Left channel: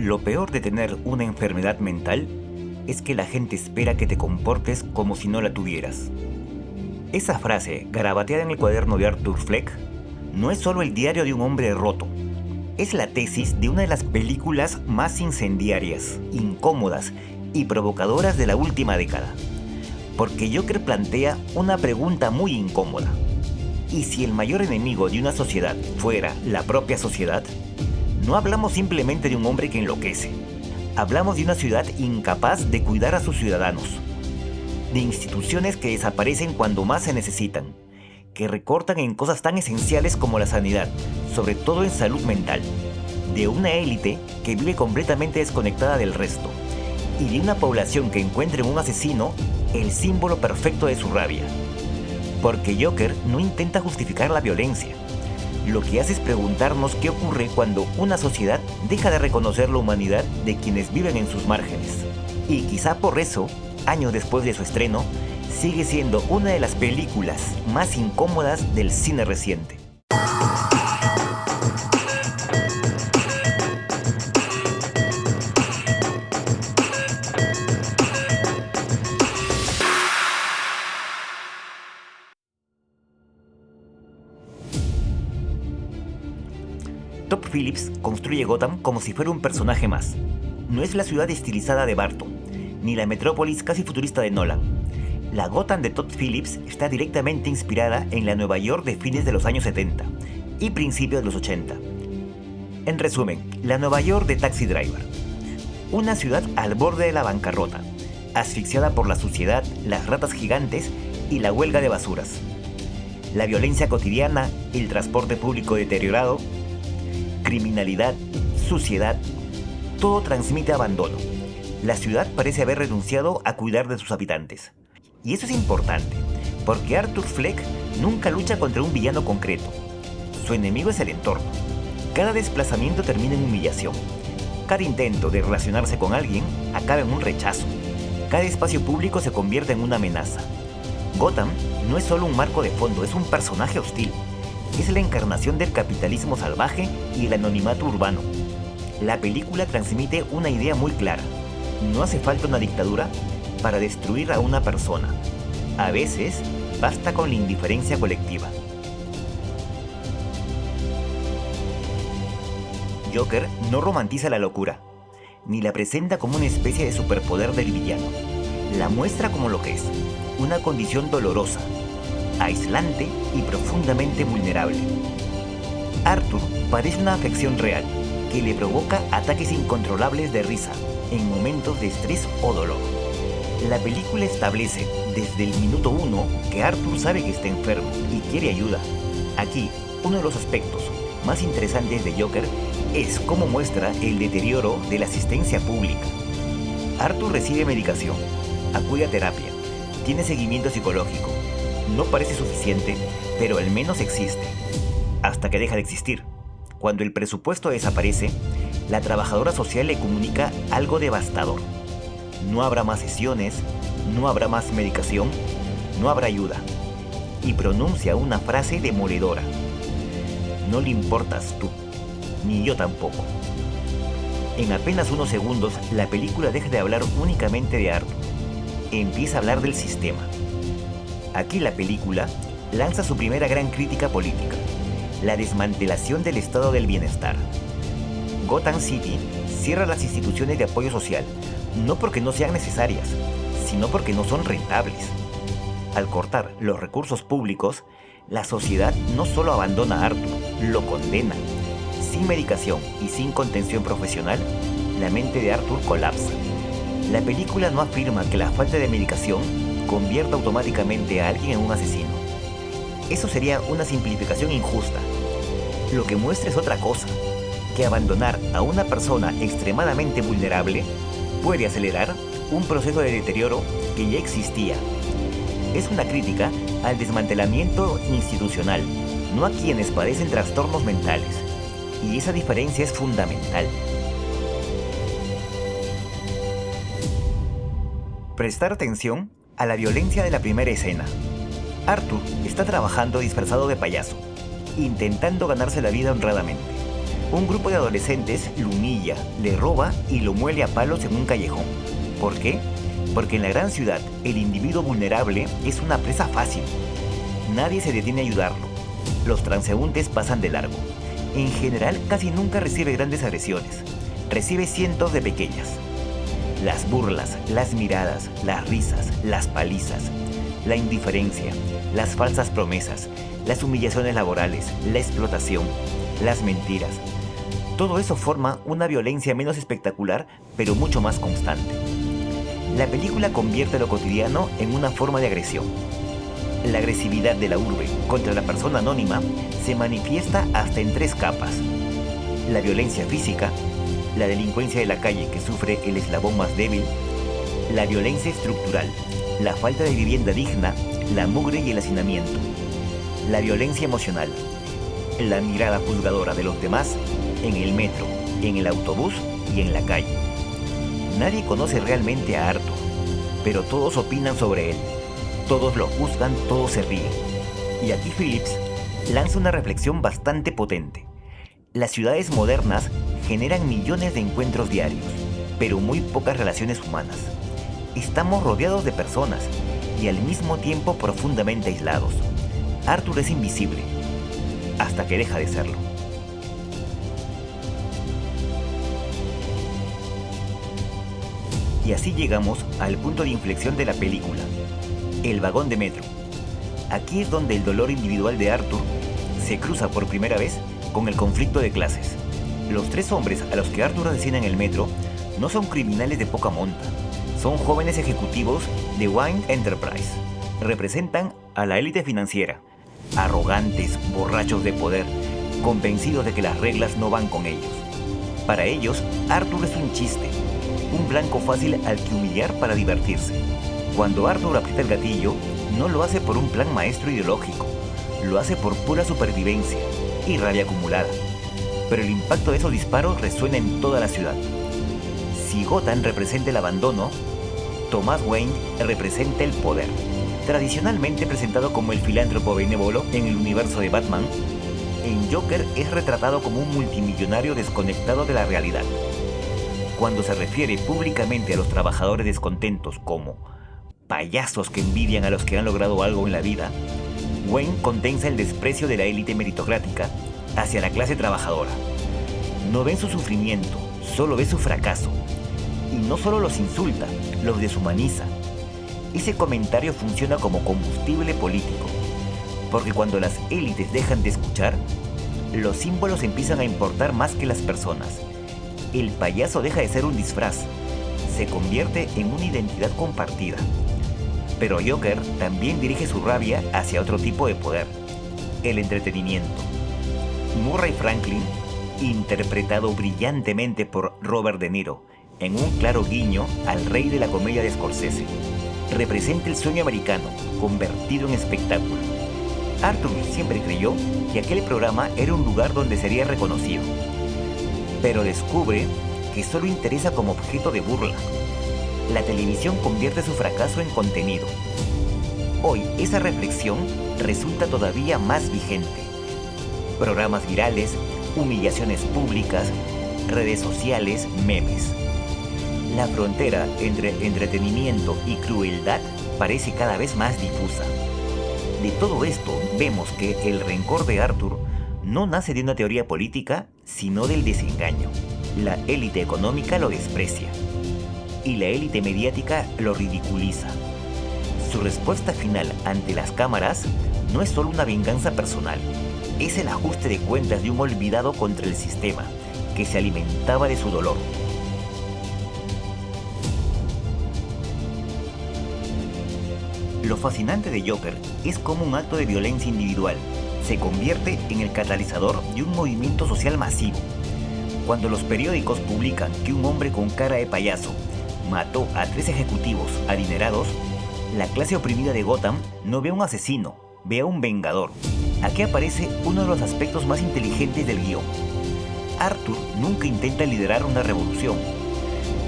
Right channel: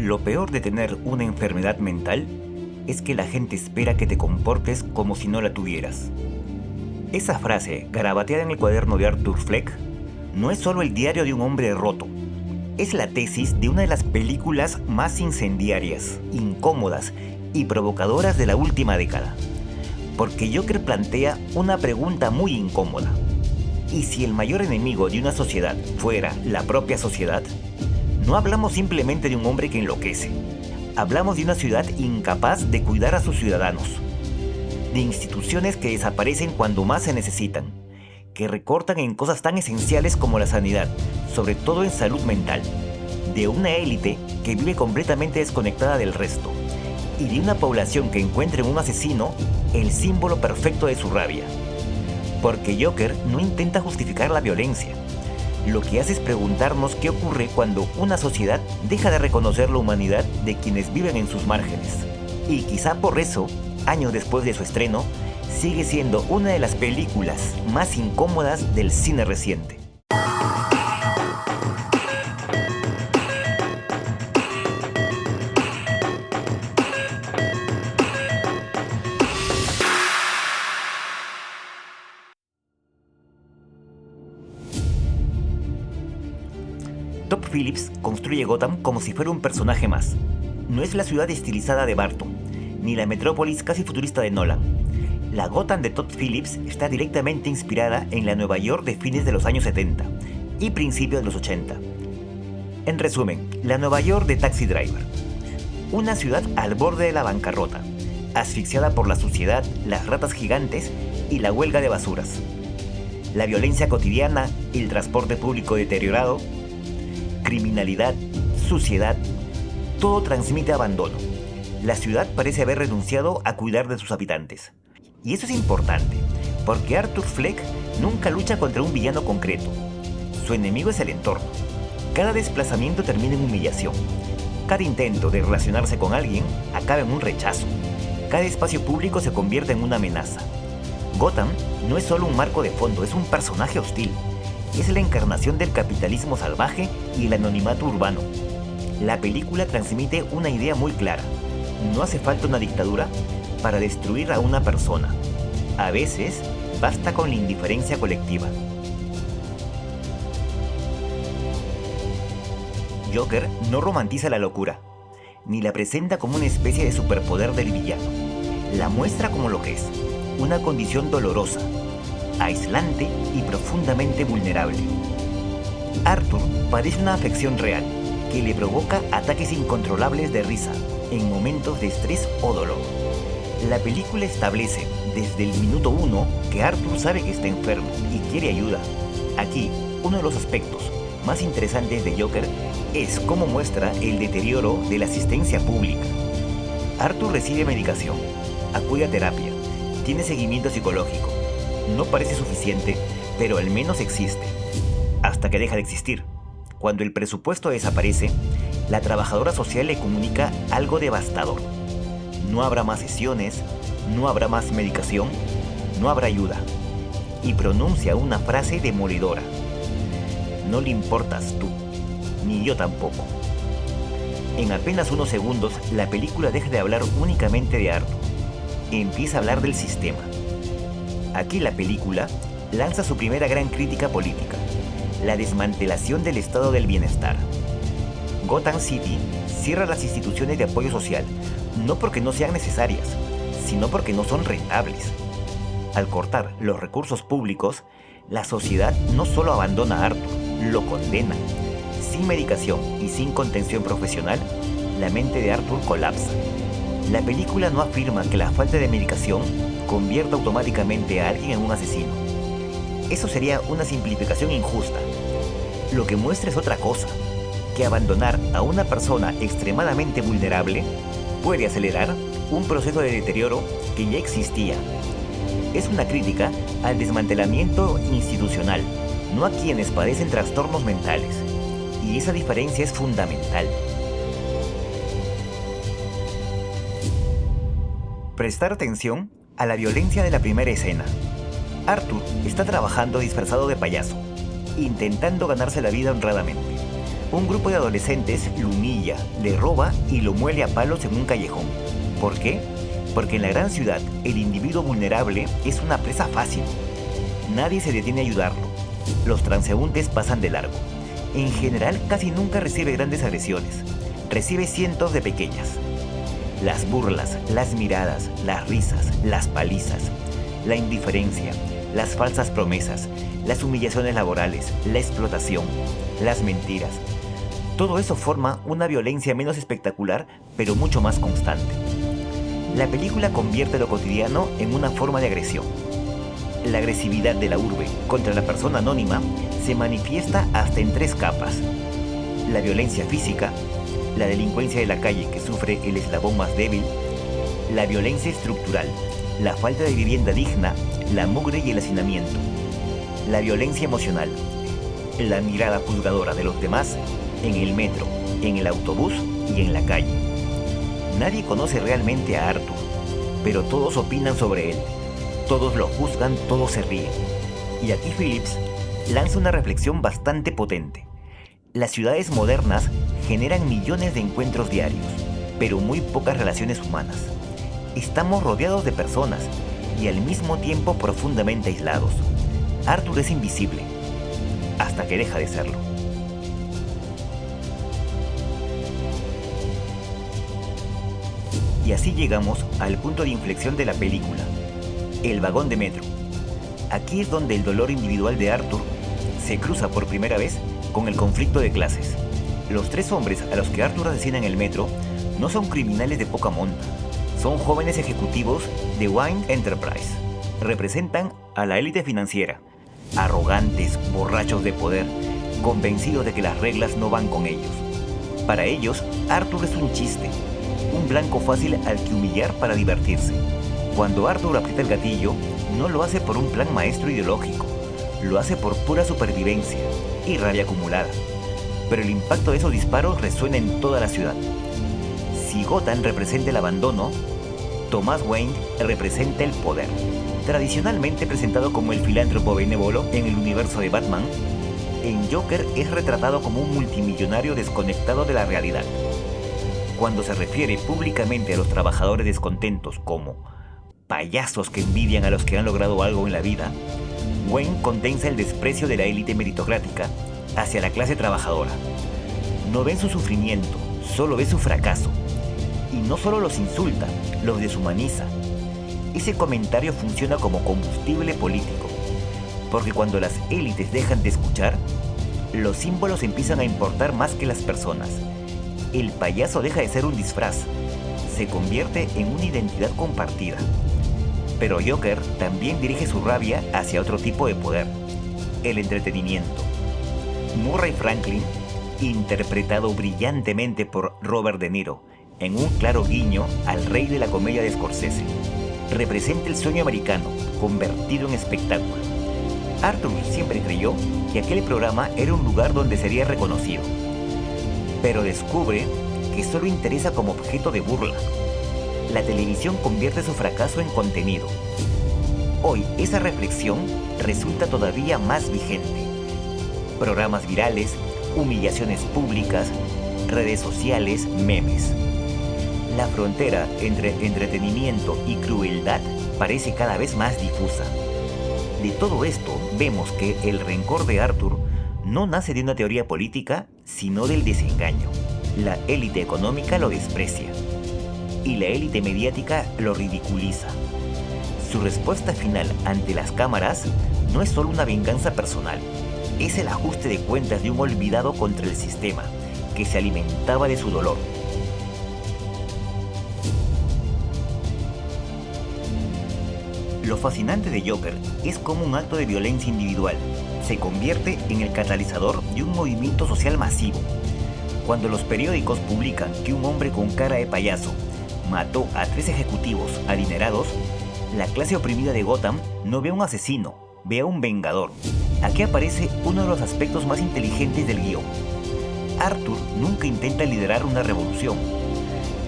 Lo peor de tener una enfermedad mental es que la gente espera que te comportes como si no la tuvieras. Esa frase, garabateada en el cuaderno de Arthur Fleck, no es solo el diario de un hombre roto. Es la tesis de una de las películas más incendiarias, incómodas y provocadoras de la última década. Porque Joker plantea una pregunta muy incómoda. ¿Y si el mayor enemigo de una sociedad fuera la propia sociedad? No hablamos simplemente de un hombre que enloquece. Hablamos de una ciudad incapaz de cuidar a sus ciudadanos. De instituciones que desaparecen cuando más se necesitan. Que recortan en cosas tan esenciales como la sanidad, sobre todo en salud mental. De una élite que vive completamente desconectada del resto. Y de una población que encuentra en un asesino el símbolo perfecto de su rabia. Porque Joker no intenta justificar la violencia. Lo que hace es preguntarnos qué ocurre cuando una sociedad deja de reconocer la humanidad de quienes viven en sus márgenes. Y quizá por eso, años después de su estreno, sigue siendo una de las películas más incómodas del cine reciente. Todd Phillips construye Gotham como si fuera un personaje más. No es la ciudad estilizada de Burton, ni la metrópolis casi futurista de Nolan. La Gotham de Todd Phillips está directamente inspirada en la Nueva York de fines de los años 70 y principios de los 80. En resumen, la Nueva York de Taxi Driver. Una ciudad al borde de la bancarrota, asfixiada por la suciedad, las ratas gigantes y la huelga de basuras. La violencia cotidiana, el transporte público deteriorado, criminalidad, suciedad, todo transmite abandono. La ciudad parece haber renunciado a cuidar de sus habitantes. Y eso es importante, porque Arthur Fleck nunca lucha contra un villano concreto. Su enemigo es el entorno. Cada desplazamiento termina en humillación. Cada intento de relacionarse con alguien acaba en un rechazo. Cada espacio público se convierte en una amenaza. Gotham no es solo un marco de fondo, es un personaje hostil. Es la encarnación del capitalismo salvaje y el anonimato urbano. La película transmite una idea muy clara. No hace falta una dictadura para destruir a una persona. A veces, basta con la indiferencia colectiva. Joker no romantiza la locura, ni la presenta como una especie de superpoder del villano. La muestra como lo que es, una condición dolorosa, aislante y profundamente vulnerable. Arthur padece una afección real que le provoca ataques incontrolables de risa en momentos de estrés o dolor. La película establece desde el minuto 1 que Arthur sabe que está enfermo y quiere ayuda. Aquí, uno de los aspectos más interesantes de Joker es cómo muestra el deterioro de la asistencia pública. Arthur recibe medicación, acude a terapia, tiene seguimiento psicológico. No parece suficiente, pero al menos existe. Hasta que deja de existir. Cuando el presupuesto desaparece, la trabajadora social le comunica algo devastador. No habrá más sesiones, no habrá más medicación, no habrá ayuda. Y pronuncia una frase demoledora. No le importas tú, ni yo tampoco. En apenas unos segundos, la película deja de hablar únicamente de Arthur. Empieza a hablar del sistema. Aquí la película lanza su primera gran crítica política, la desmantelación del estado del bienestar. Gotham City cierra las instituciones de apoyo social, no porque no sean necesarias, sino porque no son rentables. Al cortar los recursos públicos, la sociedad no solo abandona a Arthur, lo condena. Sin medicación y sin contención profesional, la mente de Arthur colapsa. La película no afirma que la falta de medicación convierta automáticamente a alguien en un asesino. Eso sería una simplificación injusta. Lo que muestra es otra cosa, que abandonar a una persona extremadamente vulnerable puede acelerar un proceso de deterioro que ya existía. Es una crítica al desmantelamiento institucional, no a quienes padecen trastornos mentales. Y esa diferencia es fundamental. Prestar atención a la violencia de la primera escena. Arthur está trabajando disfrazado de payaso, intentando ganarse la vida honradamente. Un grupo de adolescentes lo humilla, le roba y lo muele a palos en un callejón. ¿Por qué? Porque en la gran ciudad el individuo vulnerable es una presa fácil. Nadie se detiene a ayudarlo. Los transeúntes pasan de largo. En general casi nunca recibe grandes agresiones. Recibe cientos de pequeñas. Las burlas, las miradas, las risas, las palizas, la indiferencia, las falsas promesas, las humillaciones laborales, la explotación, las mentiras. Todo eso forma una violencia menos espectacular, pero mucho más constante. La película convierte lo cotidiano en una forma de agresión. La agresividad de la urbe contra la persona anónima se manifiesta hasta en 3 capas. La violencia física, la delincuencia de la calle que sufre el eslabón más débil, la violencia estructural, la falta de vivienda digna, la mugre y el hacinamiento, la violencia emocional, la mirada juzgadora de los demás en el metro, en el autobús y en la calle. Nadie conoce realmente a Arthur, pero todos opinan sobre él, todos lo juzgan, todos se ríen. Y aquí Phillips lanza una reflexión bastante potente. Las ciudades modernas generan millones de encuentros diarios, pero muy pocas relaciones humanas. Estamos rodeados de personas y al mismo tiempo profundamente aislados. Arthur es invisible, hasta que deja de serlo. Y así llegamos al punto de inflexión de la película, el vagón de metro. Aquí es donde el dolor individual de Arthur se cruza por primera vez con el conflicto de clases. Los 3 hombres a los que Arthur asesina en el metro no son criminales de poca monta, son jóvenes ejecutivos de Wayne Enterprise. Representan a la élite financiera, arrogantes, borrachos de poder, convencidos de que las reglas no van con ellos. Para ellos, Arthur es un chiste, un blanco fácil al que humillar para divertirse. Cuando Arthur aprieta el gatillo, no lo hace por un plan maestro ideológico, lo hace por pura supervivencia y rabia acumulada. Pero el impacto de esos disparos resuena en toda la ciudad. Si Gotham representa el abandono, Thomas Wayne representa el poder. Tradicionalmente presentado como el filántropo benévolo en el universo de Batman, en Joker es retratado como un multimillonario desconectado de la realidad. Cuando se refiere públicamente a los trabajadores descontentos como payasos que envidian a los que han logrado algo en la vida, Wayne condensa el desprecio de la élite meritocrática hacia la clase trabajadora. No ven su sufrimiento, solo ve su fracaso. Y no solo los insulta, los deshumaniza. Ese comentario funciona como combustible político, porque cuando las élites dejan de escuchar, los símbolos empiezan a importar más que las personas. El payaso deja de ser un disfraz, se convierte en una identidad compartida. Pero Joker también dirige su rabia hacia otro tipo de poder, el entretenimiento. Murray Franklin, interpretado brillantemente por Robert De Niro, en un claro guiño al rey de la comedia de Scorsese, representa el sueño americano convertido en espectáculo. Arthur siempre creyó que aquel programa era un lugar donde sería reconocido, pero descubre que solo interesa como objeto de burla. La televisión convierte su fracaso en contenido. Hoy esa reflexión resulta todavía más vigente. Programas virales, humillaciones públicas, redes sociales, memes. La frontera entre entretenimiento y crueldad parece cada vez más difusa. De todo esto vemos que el rencor de Arthur no nace de una teoría política, sino del desengaño. La élite económica lo desprecia y la élite mediática lo ridiculiza. Su respuesta final ante las cámaras no es solo una venganza personal, es el ajuste de cuentas de un olvidado contra el sistema, que se alimentaba de su dolor. Lo fascinante de Joker es cómo un acto de violencia individual se convierte en el catalizador de un movimiento social masivo. Cuando los periódicos publican que un hombre con cara de payaso mató a 3 ejecutivos adinerados, la clase oprimida de Gotham no ve a un asesino, ve a un vengador. Aquí aparece uno de los aspectos más inteligentes del guión. Arthur nunca intenta liderar una revolución,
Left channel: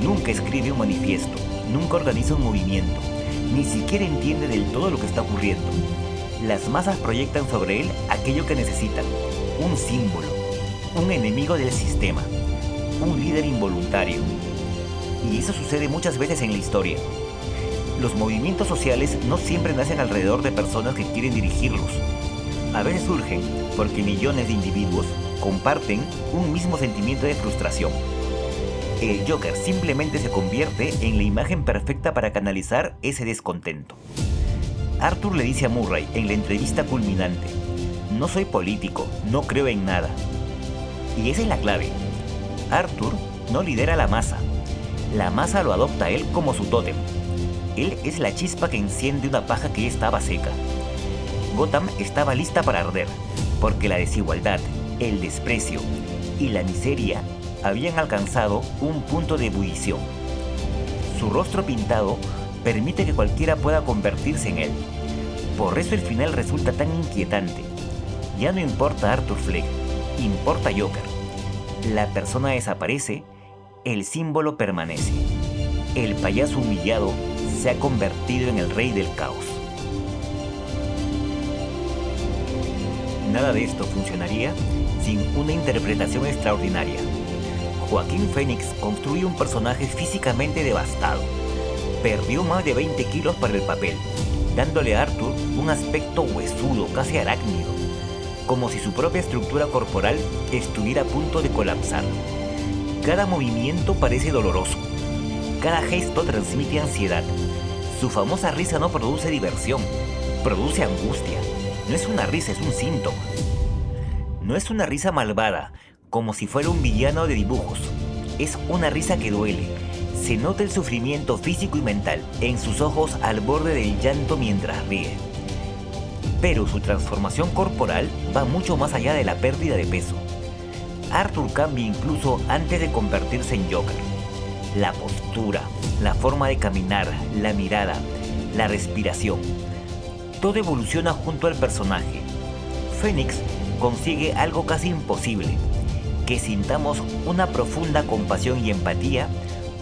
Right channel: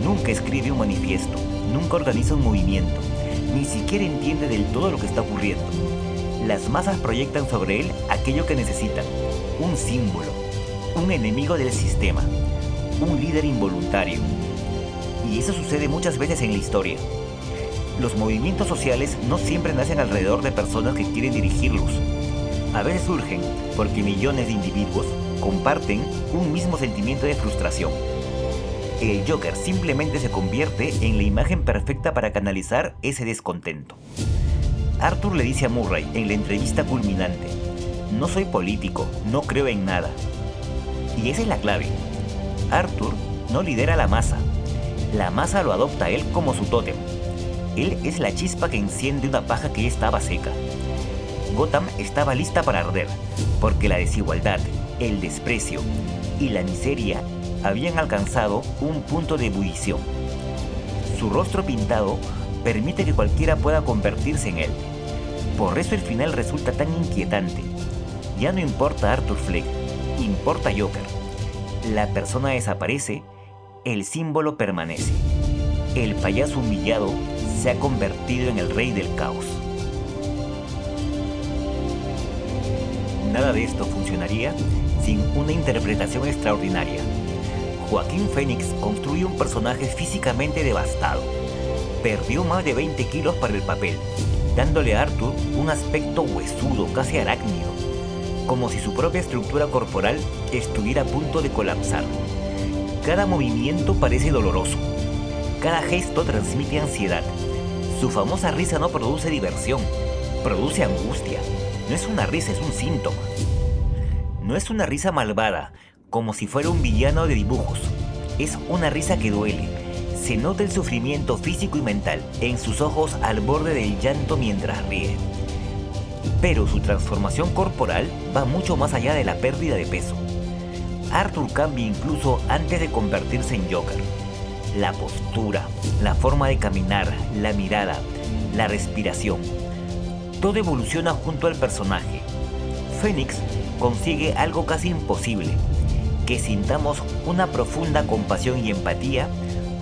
nunca escribe un manifiesto, nunca organiza un movimiento, ni siquiera entiende del todo lo que está ocurriendo. Las masas proyectan sobre él aquello que necesitan, un símbolo, un enemigo del sistema, un líder involuntario. Y eso sucede muchas veces en la historia. Los movimientos sociales no siempre nacen alrededor de personas que quieren dirigirlos. A veces surgen porque millones de individuos comparten un mismo sentimiento de frustración. El Joker simplemente se convierte en la imagen perfecta para canalizar ese descontento. Arthur le dice a Murray en la entrevista culminante: "No soy político, no creo en nada". Y esa es la clave. Arthur no lidera la masa lo adopta a él como su tótem. Él es la chispa que enciende una paja que ya estaba seca. Gotham estaba lista para arder, porque la desigualdad, el desprecio y la miseria habían alcanzado un punto de ebullición. Su rostro pintado permite que cualquiera pueda convertirse en él. Por eso el final resulta tan inquietante. Ya no importa Arthur Fleck, importa Joker. La persona desaparece, el símbolo permanece. El payaso humillado se ha convertido en el rey del caos. Nada de esto funcionaría sin una interpretación extraordinaria. Joaquín Phoenix construye un personaje físicamente devastado. Perdió más de 20 kilos para el papel, dándole a Arthur un aspecto huesudo, casi arácnido, como si su propia estructura corporal estuviera a punto de colapsar. Cada movimiento parece doloroso. Cada gesto transmite ansiedad. Su famosa risa no produce diversión, produce angustia. No es una risa, es un síntoma. No es una risa malvada, como si fuera un villano de dibujos. Es una risa que duele. Se nota el sufrimiento físico y mental en sus ojos al borde del llanto mientras ríe. Pero su transformación corporal va mucho más allá de la pérdida de peso. Arthur cambia incluso antes de convertirse en Joker. La postura, la forma de caminar, la mirada, la respiración. Todo evoluciona junto al personaje. Phoenix consigue algo casi imposible: que sintamos una profunda compasión y empatía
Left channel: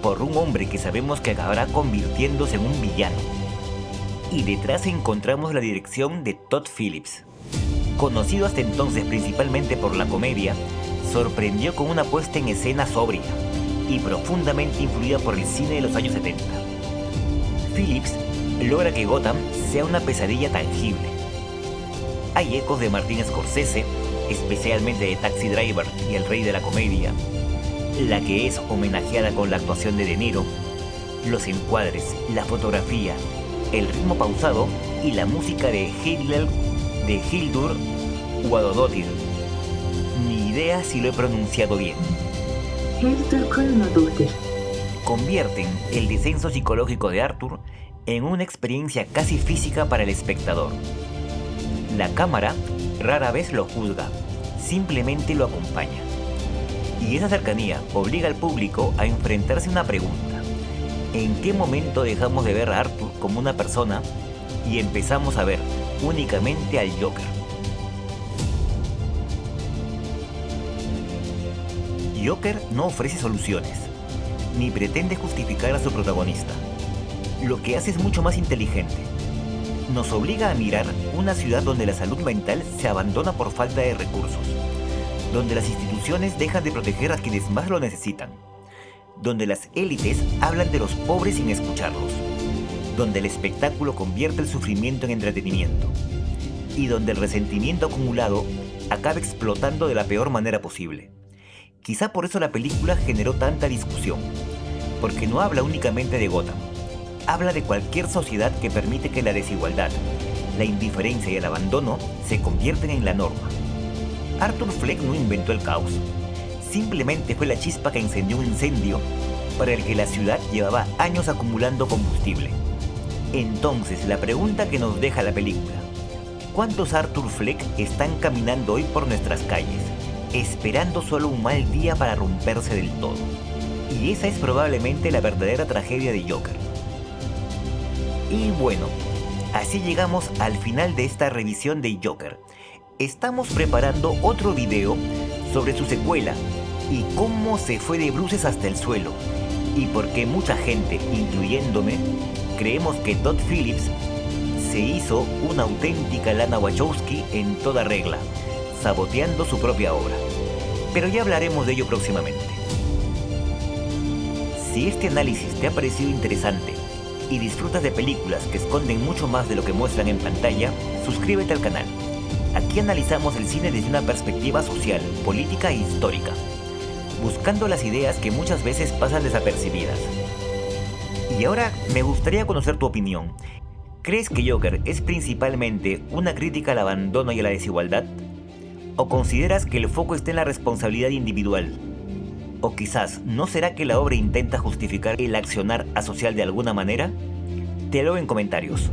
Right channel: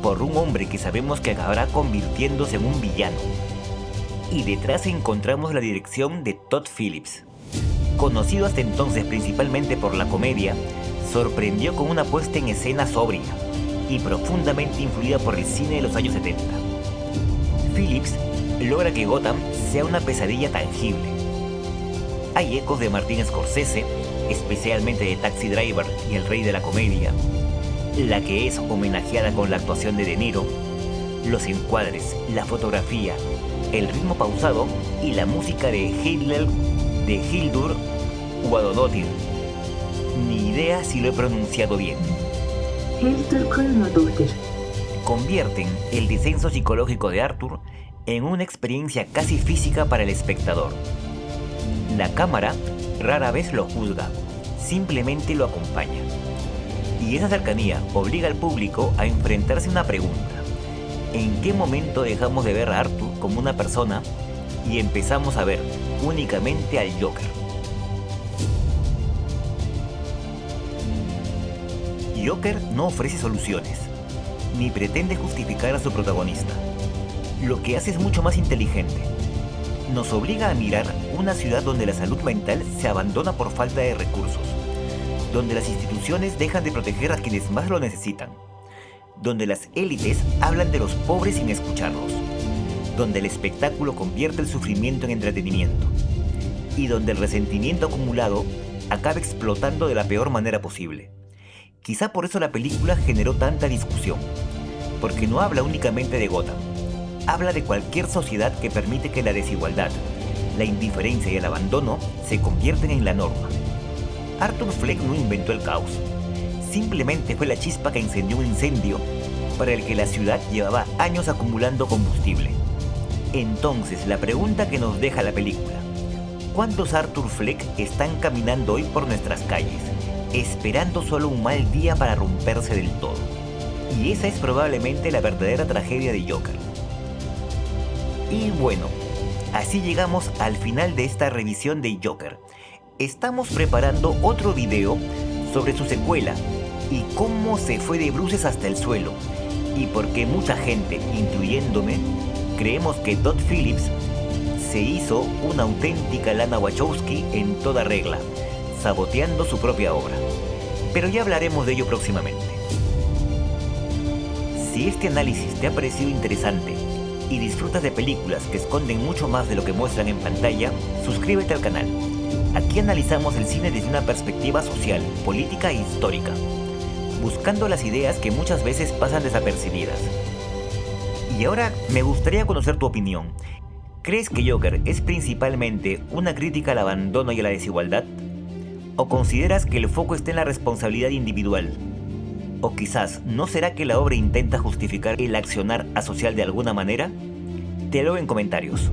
por un hombre que sabemos que acabará convirtiéndose en un villano. Y detrás encontramos la dirección de Todd Phillips. Conocido hasta entonces principalmente por la comedia, sorprendió con una puesta en escena sobria y profundamente influida por el cine de los años 70. Phillips logra que Gotham sea una pesadilla tangible. Hay ecos de Martin Scorsese, especialmente de Taxi Driver y El Rey de la Comedia, la que es homenajeada con la actuación de De Niro, los encuadres, la fotografía, el ritmo pausado y la música de Hildur Guðnadóttir. Ni idea si lo he pronunciado bien. Hildur Guðnadóttir. Convierten el descenso psicológico de Arthur en una experiencia casi física para el espectador. La cámara rara vez lo juzga, simplemente lo acompaña. Y esa cercanía obliga al público a enfrentarse a una pregunta: ¿en qué momento dejamos de ver a Arthur como una persona y empezamos a ver únicamente al Joker? Joker no ofrece soluciones, ni pretende justificar a su protagonista. Lo que hace es mucho más inteligente. Nos obliga a mirar una ciudad donde la salud mental se abandona por falta de recursos, donde las instituciones dejan de proteger a quienes más lo necesitan, donde las élites hablan de los pobres sin escucharlos, donde el espectáculo convierte el sufrimiento en entretenimiento, y donde el resentimiento acumulado acaba explotando de la peor manera posible. Quizá por eso la película generó tanta discusión, porque no habla únicamente de Gotham, habla de cualquier sociedad que permite que la desigualdad, la indiferencia y el abandono se convierten en la norma. Arthur Fleck no inventó el caos, simplemente fue la chispa que encendió un incendio para el que la ciudad llevaba años acumulando combustible. Entonces, la pregunta que nos deja la película: ¿cuántos Arthur Fleck están caminando hoy por nuestras calles, esperando solo un mal día para romperse del todo? Y esa es probablemente la verdadera tragedia de Joker. Y bueno, así llegamos al final de esta revisión de Joker. Estamos preparando otro video sobre su secuela y cómo se fue de bruces hasta el suelo, y por qué mucha gente, incluyéndome, creemos que Todd Phillips se hizo una auténtica Lana Wachowski en toda regla, saboteando su propia obra. pero ya hablaremos de ello próximamente. Si este análisis te ha parecido interesante y disfrutas de películas que esconden mucho más de lo que muestran en pantalla, suscríbete al canal. Aquí analizamos el cine desde una perspectiva social, política e histórica, buscando las ideas que muchas veces pasan desapercibidas. Y ahora me gustaría conocer tu opinión. ¿Crees que Joker es principalmente una crítica al abandono y a la desigualdad? ¿O consideras que el foco está en la responsabilidad individual? ¿O quizás no será que la obra intenta justificar el accionar asocial de alguna manera? Te lo leo en comentarios.